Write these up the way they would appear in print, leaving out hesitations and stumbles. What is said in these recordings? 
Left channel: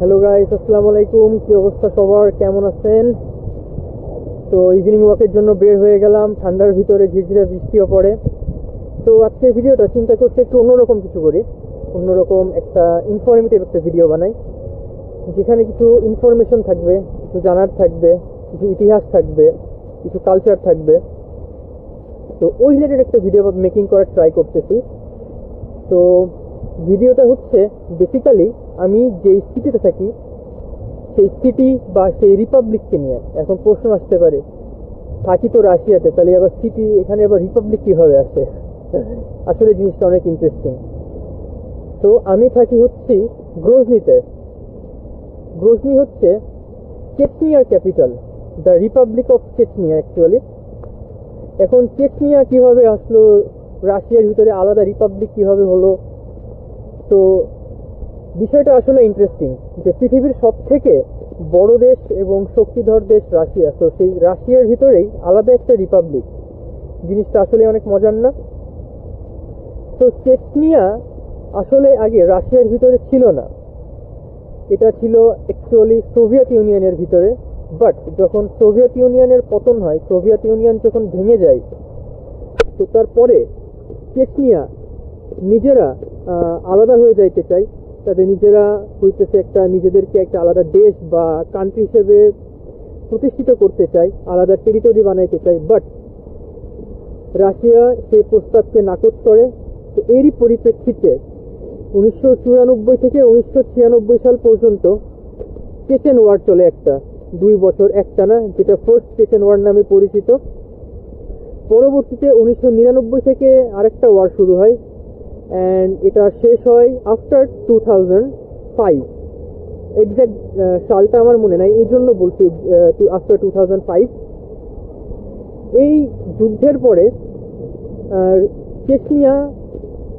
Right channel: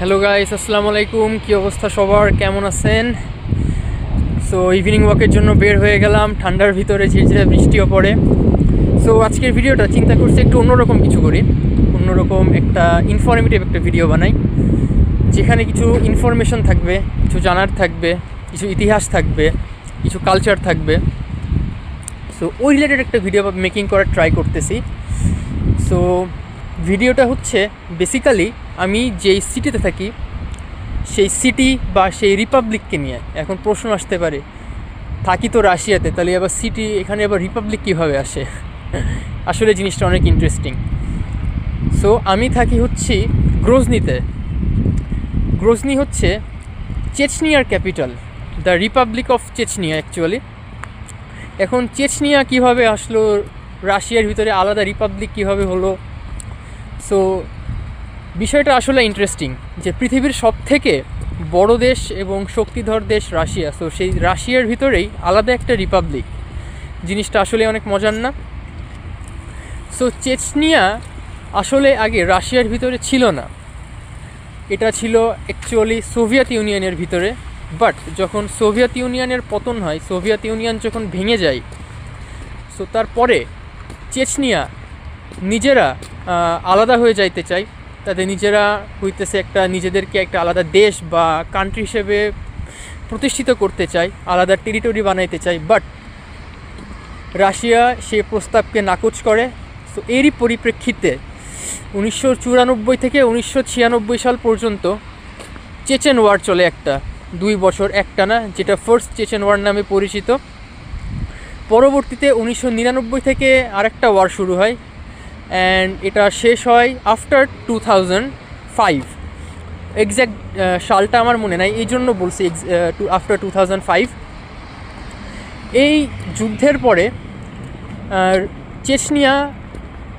Hello guys, আসসালামু আলাইকুম। কী অবস্থা সবার, কেমন আছেন? সো ইভিনিং ওয়াকের জন্য বের হয়ে গেলাম, ঠান্ডার ভিতরে ঝিরঝিরে বৃষ্টিও পড়ে। সো আজকের ভিডিওটা চিন্তা করছি একটু অন্যরকম কিছু করি, অন্যরকম একটা ইনফরমেটিভ একটা ভিডিও বানাই, যেখানে কিছু ইনফরমেশন থাকবে, কিছু জানার থাকবে, কিছু ইতিহাস থাকবে, কিছু কালচার থাকবে। সো ওই রিলেটেড একটা ভিডিও মেকিং করার ট্রাই করতেছি। সো ভিডিওটা হচ্ছে বেসিক্যালি আমি যেই সিটিতে থাকি সেই সিটি বা সেই রিপাবলিককে নিয়ে। এখন প্রশ্ন আসতে পারে, থাকি তো রাশিয়াতে, তাহলে আবার সিটি, এখানে আবার রিপাবলিক কীভাবে আসে? আসলে জিনিসটা অনেক ইন্টারেস্টিং। সো আমি থাকি হচ্ছি গ্রোজনিতে। গ্রোজনি হচ্ছে চেচনিয়ার capital, the republic of Chechnya actually. এখন চেচনিয়া কীভাবে আসলো, রাশিয়ার ভিতরে আলাদা রিপাবলিক কীভাবে হলো? সো বিষয়টা আসলে ইন্টারেস্টিং যে পৃথিবীর সবথেকে বড় দেশ এবং শক্তিধর দেশ রাশিয়া, সো সেই রাশিয়ার ভিতরেই আলাদা একটা রিপাবলিক। জিনিসটা আসলে অনেক মজার না? সো চেচনিয়া আসলে আগে রাশিয়ার ভিতরে ছিল না, এটা ছিল অ্যাকচুয়ালি সোভিয়েত ইউনিয়নের ভিতরে। বাট যখন সোভিয়েত ইউনিয়নের পতন হয়, সোভিয়েত ইউনিয়ন যখন ভেঙে যায়, সো তারপরে চেচনিয়া নিজেরা আলাদা হয়ে যাইতে চায়। তাদের নিজেরা হইতেছে একটা, নিজেদেরকে একটা আলাদা দেশ বা কান্ট্রি হিসেবে প্রতিষ্ঠিত করতে চায়, আলাদা টেরিটরি বানাইতে চায়। বাট রাশিয়া সে প্রস্তাবকে নাকচ করে। সো এরই পরিপ্রেক্ষিতে 1994 থেকে 1996 সাল পর্যন্ত চেচেন ওয়ার চলে, একটা 2 বছর একটানা, যেটা ফার্স্ট চেচেন ওয়ার নামে পরিচিত। পরবর্তীতে 1999 থেকে আরেকটা ওয়ার শুরু হয়, অ্যান্ড এটা শেষ হয় আফটার 2005। এক্স্যাক্ট সালটা আমার মনে নাই, এই জন্য বলছি আফটার 2005। এই যুদ্ধের পরে চেচনিয়া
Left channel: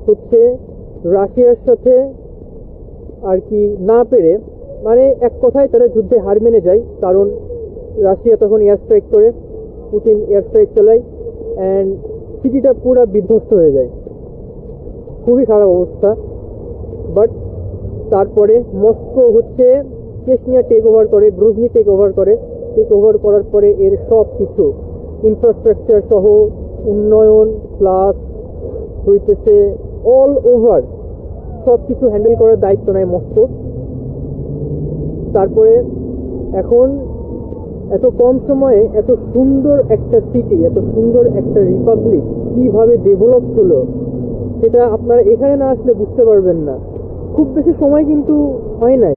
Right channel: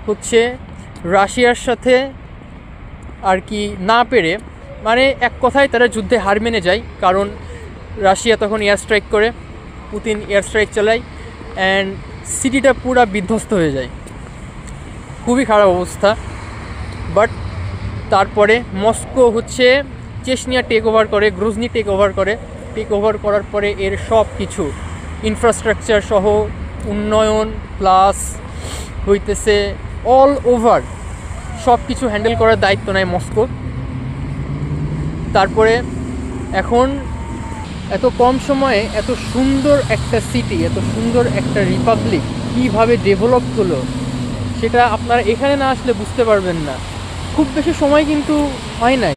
হচ্ছে রাশিয়ার সাথে আর কি না পেরে, মানে এক কথায় তারা যুদ্ধে হার মেনে যায়, কারণ রাশিয়া তখন এয়ার স্ট্রাইক করে, পুতিন এয়ার স্ট্রাইক চালায়, অ্যান্ড সিটিটা পুরা বিধ্বস্ত হয়ে যায়, খুবই খারাপ অবস্থা। বাট তারপরে মস্কো হচ্ছে চেচনিয়া টেক ওভার করে, গ্রোজনি টেক ওভার করার পরে এর সব কিছু ইনফ্রাস্ট্রাকচার সহ উন্নয়ন প্লাস হইতেছে অল ওভার সব কিছু হ্যান্ডেল করার দায়িত্ব নেয় মস্কো। তারপরে এখন এত কম সময়ে এত সুন্দর একটা সিটি, এত সুন্দর একটা রিপাবলিক কীভাবে ডেভেলপ হলো সেটা আপনারা এখানে না আসলে বুঝতে পারবেন না। খুব বেশি সময় কিন্তু হয় নাই।